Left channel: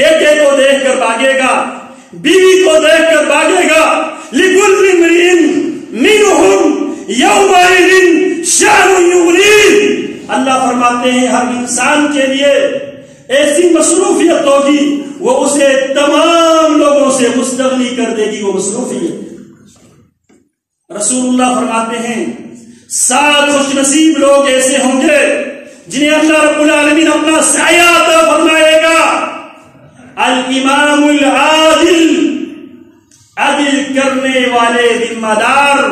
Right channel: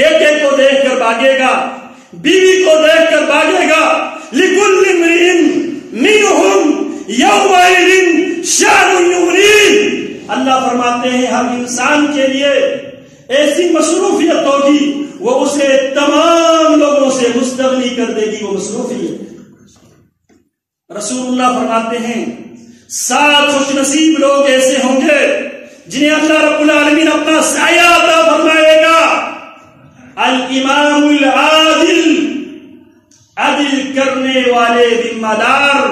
بیٹے کو دیکھ کر بھاگے گا، بیوی کو دیکھ کر بھاگے گا. لِكُلِّ امْرِئٍ مِّنْهُمْ يَوْمَئِذٍ شَأْنٌ يُغْنِيهِ. اللہ فرماتے ہیں ہر انسان کے لیے ایسی مصروفیت ہوگی وہ اسے تمام لوگوں سے مستغنی کر دے گی. وہ مصروفیت رسول اللہ فرماتے ہیں 7 خوش نصیب لوگ ایسے ہوں گے جنہیں اللہ رب العالمین اپنا سایہ عطا فرمائے گا. الامام العادل، عدل کرنے والے ذمہ دار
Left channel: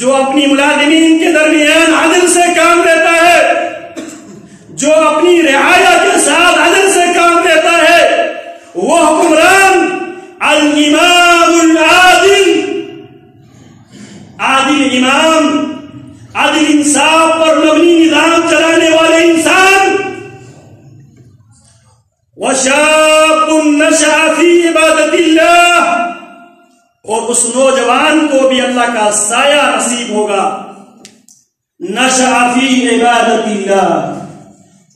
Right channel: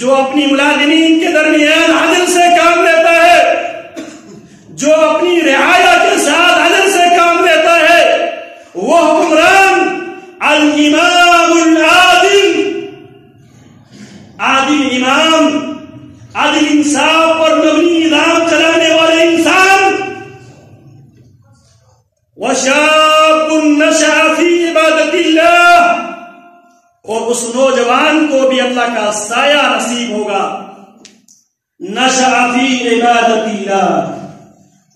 جو اپنی ملازمین کے درمیان عدل سے کام لیتا ہے، جو اپنی رعایا کے ساتھ عدل سے کام لیتا ہے، وہ حکمران. الامام العادل، عادل امام، عدل انصاف پر مبنی نظام چلانے والے انسان. وشاب نشأ فی عبادت اللہ، اور اس نوجوان کو بھی اللہ کا سایہ نصیب ہوگا. نشأ فی عبادت اللہ،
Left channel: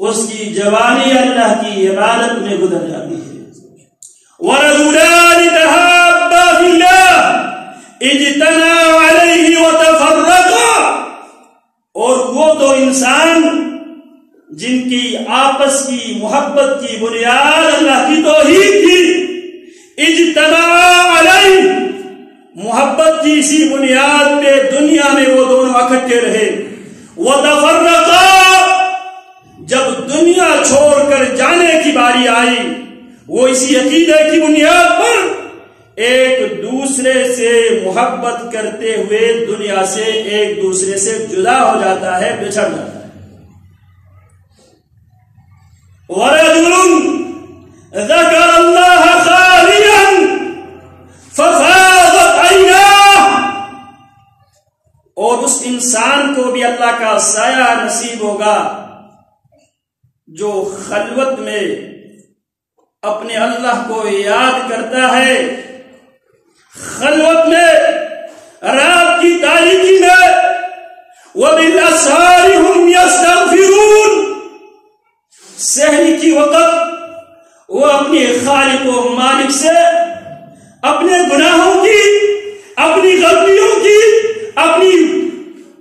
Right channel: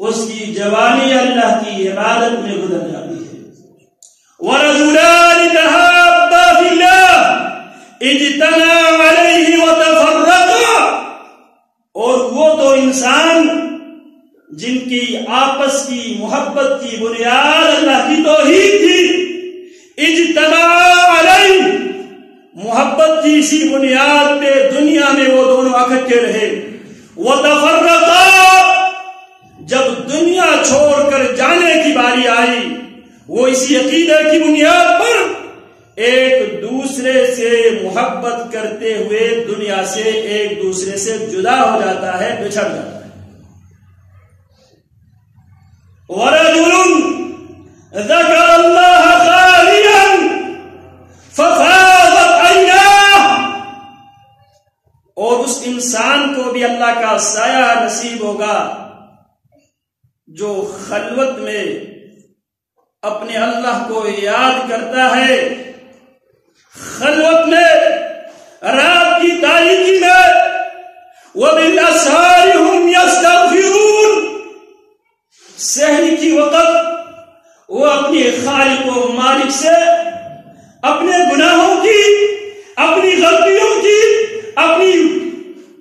اس کی جوانی اللہ کی عبادت میں گزر جاتی ہے. ورجلان تحابا فی اللہ اجتمعا علیہ وتفرقا، اور وہ تو انسان جن کی آپس کی محبت کی بنیاد اللہ کی توحید تھی. اجتماع علیہ، محبت کی اسی بنیاد پہ دنیا میں وہ دونوں اکٹھے رہے. وتفرقا، جب دنیا چھوڑ کر جانے کی باری آئی وہ اسی عقیدے کی بنیاد پر ایک دوسرے سے محبت کرتے ہوئے دنیا سے ایک دوسرے سے جدا ہو جاتا ہے، بچھڑ جاتا ہے. وَرَجُلٌ ذَكَرَ اللَّهَ خَالِيًا فَفَاضَتْ عَيْنَاهُ، اور اس انسان کو بھی اللہ کا سایہ نصیب ہوگا جو خلوت میں اپنے اللہ کو یاد کرتا ہے، خلوت میں، رات کی تاریکی میں. وَبِالْأَسْحَارِ هُمْ يَسْتَغْفِرُونَ، سحری کی وقت وہ اپنے خالق و مالک سے اپنے گناہوں کی، اپنی غلطیوں کی، اپنی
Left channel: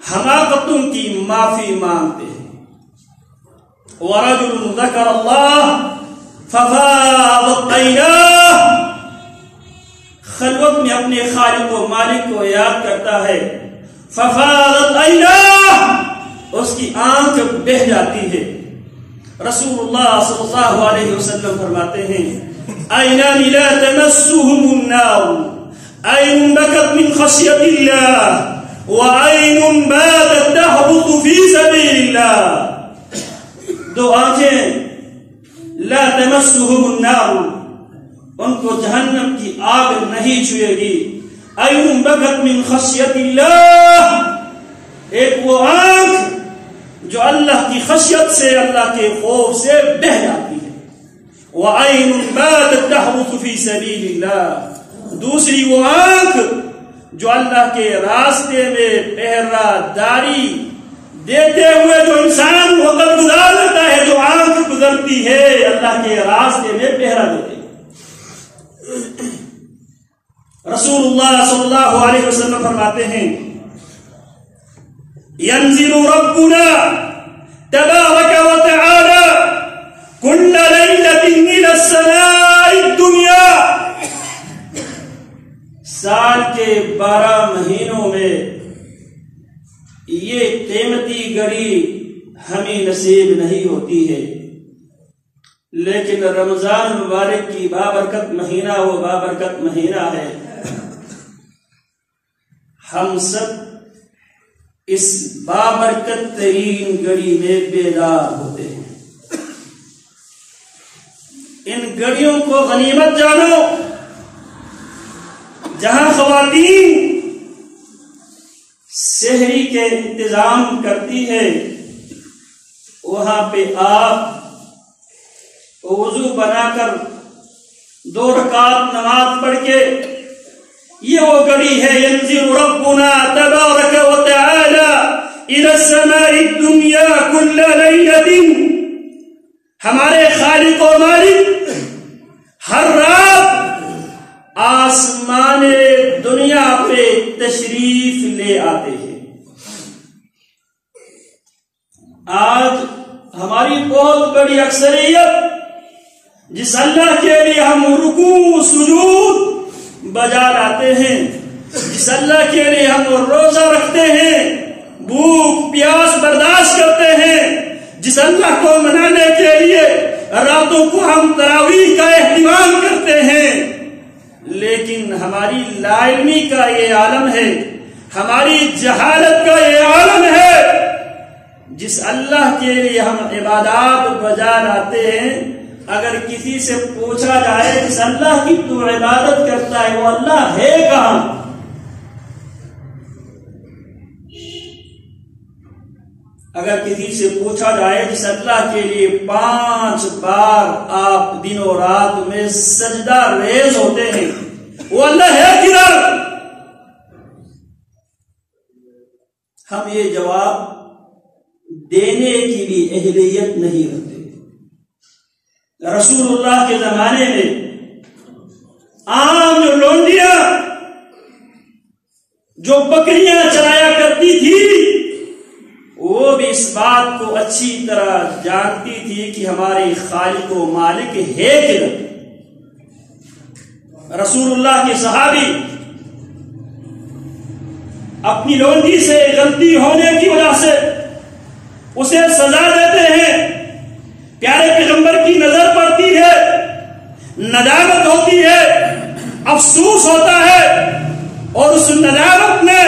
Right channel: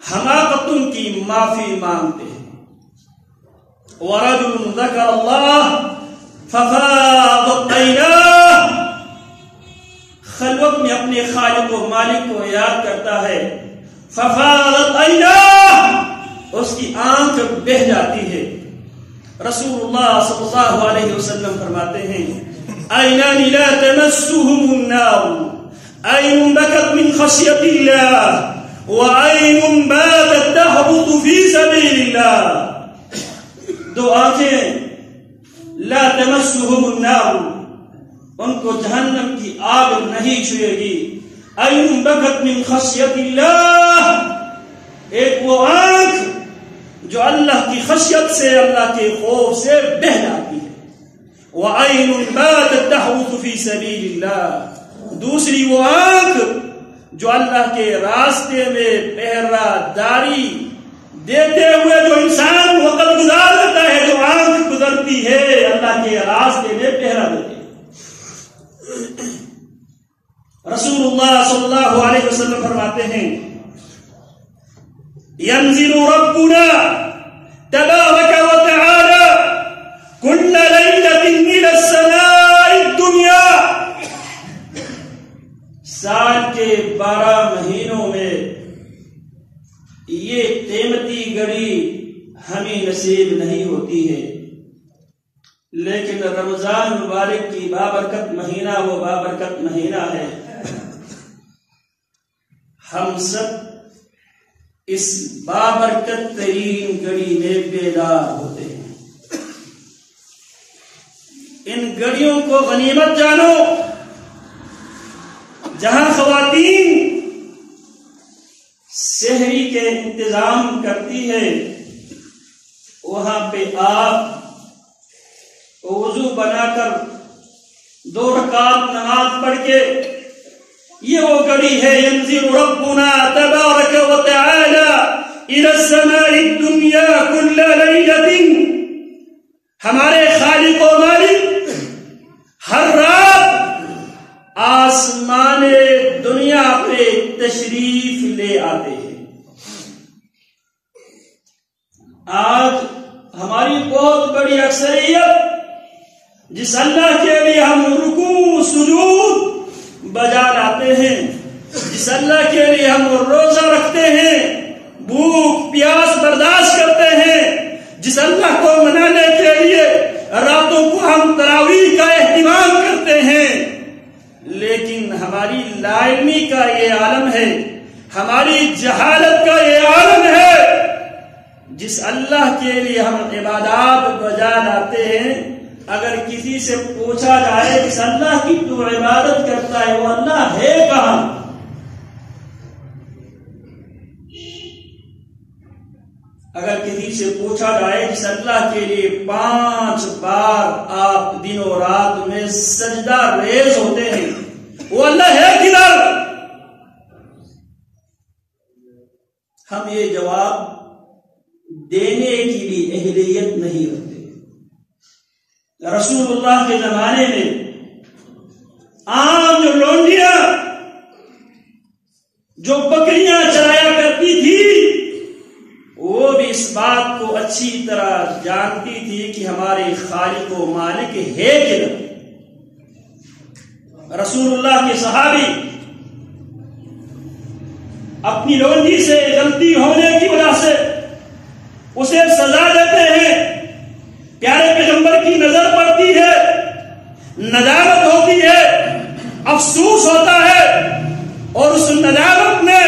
حماقتوں کی معافی مانگتے ہیں. وَرَجُلٌ ذَكَرَ اللَّهَ فَفَاضَتْ عَيْنَاهُ، خلوت میں اپنے خالق و مالک کو یاد کرتا ہے. فَفَاضَتْ عَيْنَاهُ، اس کی آنکھ بہہ جاتی ہے. رسول اللہ صلی اللہ علیہ وسلم فرماتے ہیں عینان لا تمسهم النار، عین بکت من خشیت اللہ وعین باتت تحبط فی سبیل اللہ. 2 آنکھیں لا تمسهم النار، ان کو جہنم کی آگ نہیں چھوئے گی. عین بکت من خشیت اللہ، ایک وہ آنکھ جو اللہ کی خشیت سے، اللہ کے خوف سے بہہ جاتی ہے. وعین باتت تحبط فی سبیل اللہ، دوسری وہ آنکھ جو اللہ کے راستے میں پہرا داری دیتے ہوئے جو انسان وقت گزار دیتا ہے، جو آنکھ گزرتی ہے اللہ کے راستے میں پہرا دیتی ہے. رسول اللہ صلی اللہ علیہ وسلم فرماتے ہیں ينزل ربنا تبارك وتعالى كل ليلة إلى السماء الدنيا، سال کے 12 مہینوں میں یہ قیمتی گھڑی ہمیں نصیب نہیں ہوتی ہے، لیکن رمضان مبارک کی بابرکت مہینہ وہ بابرکت مہینہ ہے. ہم سب اس بابرکت ترین گھڑی میں بیدار ہوتے ہیں. ان گھڑیوں کو غنیمت جانو. جہاں خواتین سحری کے انتظام کرتی ہے وہاں پہ آپ وضو بنا کر 2 رکعت نماز پڑھ کے، یہ وہ گھڑی ہے. ينزل ربنا تبارك وتعالى الى السماء الدنيا كل ليلة، ہمارے خالق و مالک آسمان دنیا پہ تشریف لے آتے ہیں۔ آج ہماری بہت بڑی اکثریت جس اللہ کے لیے ہم رکوع سجود بجا لاتے ہیں، جس اللہ کے لیے ہم روزہ رکھتے ہیں، بھوک پیاس برداشت کرتے ہیں، جس اللہ کو منانے کے لیے راتوں کو ہم تراویح کا اہتمام کرتے ہیں، لیکن ہماری لا علمی کا یہ عالم ہے، ہماری جہالت کا یہ عالم ہے۔ جس اللہ کے لیے ہم عبادات بجا لاتے ہیں، اگر کسی سے پوچھا جائے جس اللہ کی تو عبادت کرتا ہے وہ اللہ ہے کہاں؟ اگر کسی سے پوچھا جائے جس اللہ کے لیے 5 بار آپ دن و رات میں سجدہ ریز ہوتے ہیں وہ اللہ ہے کدھر؟ ہم یہ جواب دینے کی بھی اہلیت نہیں رکھتے۔ رسول اللہ کے زمانے میں عام جو لونڈیاں جو بکریاں چرایا کرتی تھی وہ بھی اس بات کو اچھی طرح جانتی تھی کہ ہمارے خالق و مالک ہے کدھر۔ رسول اللہ کے صحابی اپنی لونڈی سے غلطی ہونے کی وجہ سے اسے سزا دیتے ہیں، پیارے پیغمبر کی نظر پڑتی ہے، ندامت ہوتی ہے، افسوس ہوتا ہے، اور اس ندامت میں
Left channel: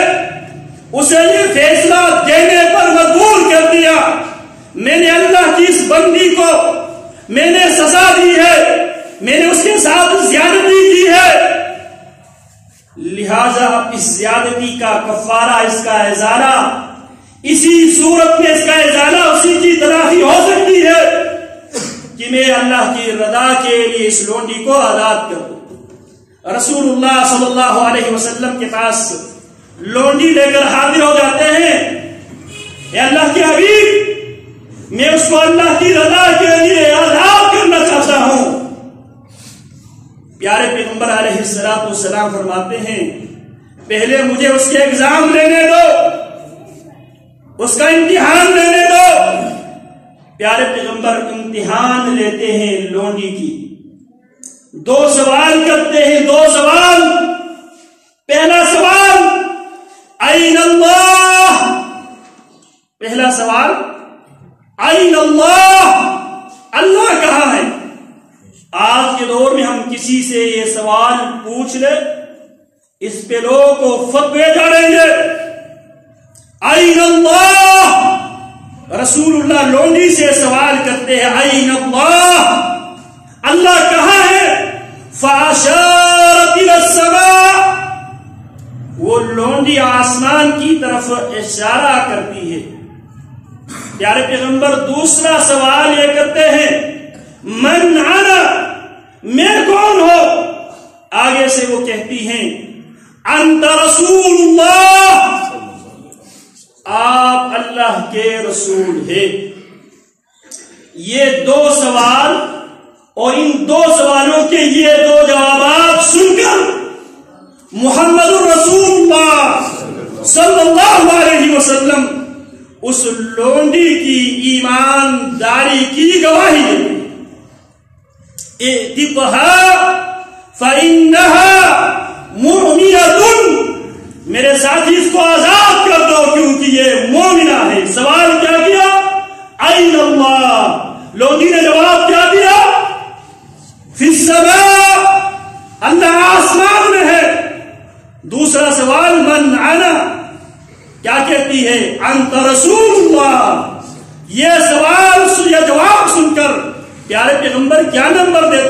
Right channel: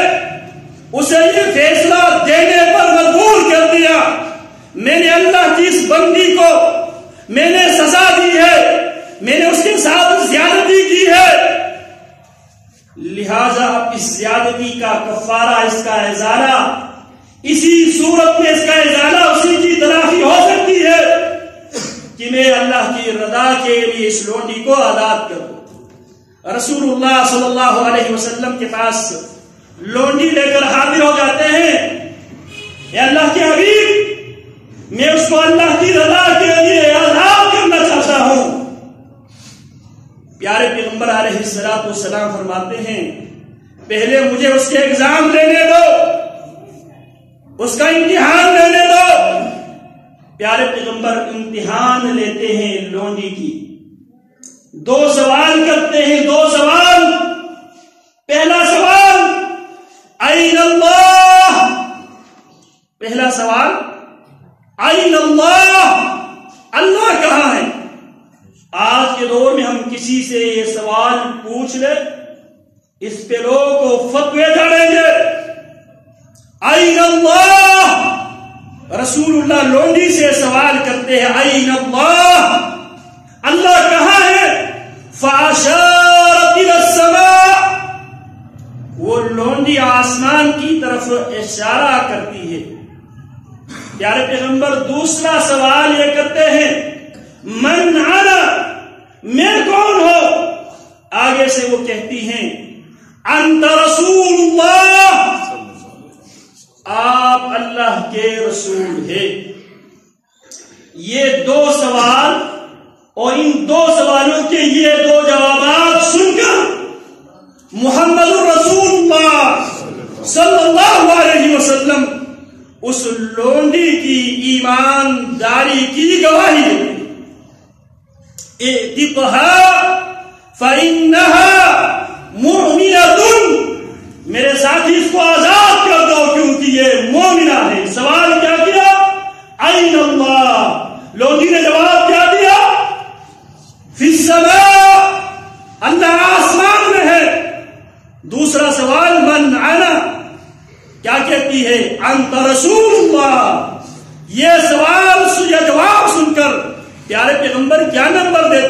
اسے یہ فیصلہ دینے پر مجبور کر دیا میں نے اللہ کی اس بندی کو میں نے سزا دی ہے، میں نے اس کے ساتھ زیادتی کی ہے، لہذا اب اس زیادتی کا کفارہ، اس کا ازالہ اسی صورت میں اس کا ازالہ اسی کی تلافی ہو سکتی ہے کہ میں اللہ کی رضا کے لیے اس لونڈی کو آزاد کر دوں۔ رسول اللہ صلی اللہ علیہ وسلم کے پاس لونڈی لے کر حاضر ہو جاتے ہیں، اے اللہ کے حبیب میں اس کو اللہ کی رضا کے لیے آزاد کرنا چاہتا ہوں۔ پیارے پیغمبر علیہ الصلوۃ والسلام فرماتے ہیں پہلے مجھے اس کے ایگزام لینے دو، اس کا امتحان لینے دو۔ پیارے پیغمبر امتحان لیتے ہیں لونڈی کی، 2 سوال کرتے ہیں، 2 سوال۔ پہلا سوال این اللہ، پہلا سوال این اللہ، اللہ کہاں ہے؟ آج کے دور میں ہم کسی سے یہ سوال پوچھ لیں اس پہ لوگوں کو فتوے جھاڑیں گے۔ این اللہ، رسول اللہ لونڈی سے سوال کرتے ہیں این اللہ، اللہ کہاں ہے؟ فاشارت الی السماء، وہ لونڈی آسمان کی طرف اشارہ کرتی ہے۔ پیارے پیغمبر دوسرا سوال یہ کرتے ہیں من انا، میں کون ہو؟ آگے سے وہ کہتی ہیں انت رسول اللہ، آپ اللہ کے رسول ہیں۔ یہ 2 سوال اور ان 2 سوالوں کے یہ 2 جوابات سن کر محمد رسول اللہ صلی اللہ علیہ وسلم اس لونڈی کی ایمانداری کی گواہی دیتے۔ اعتقها فإنها مؤمنة، میرے ساتھی اس کو آزاد کر دو کیونکہ یہ مومنہ ہے۔ سوال کیا کیا؟ این اللہ، لونڈی نے جواب کیا دیا؟ فی السماء، اللہ آسمان میں ہے۔ دوسرا سوال من انا، کیا کہتی ہے؟ انت رسول اللہ۔ یہ سوال، یہ جواب سن کر پیارے پیغمبر کیا نمبر دیتے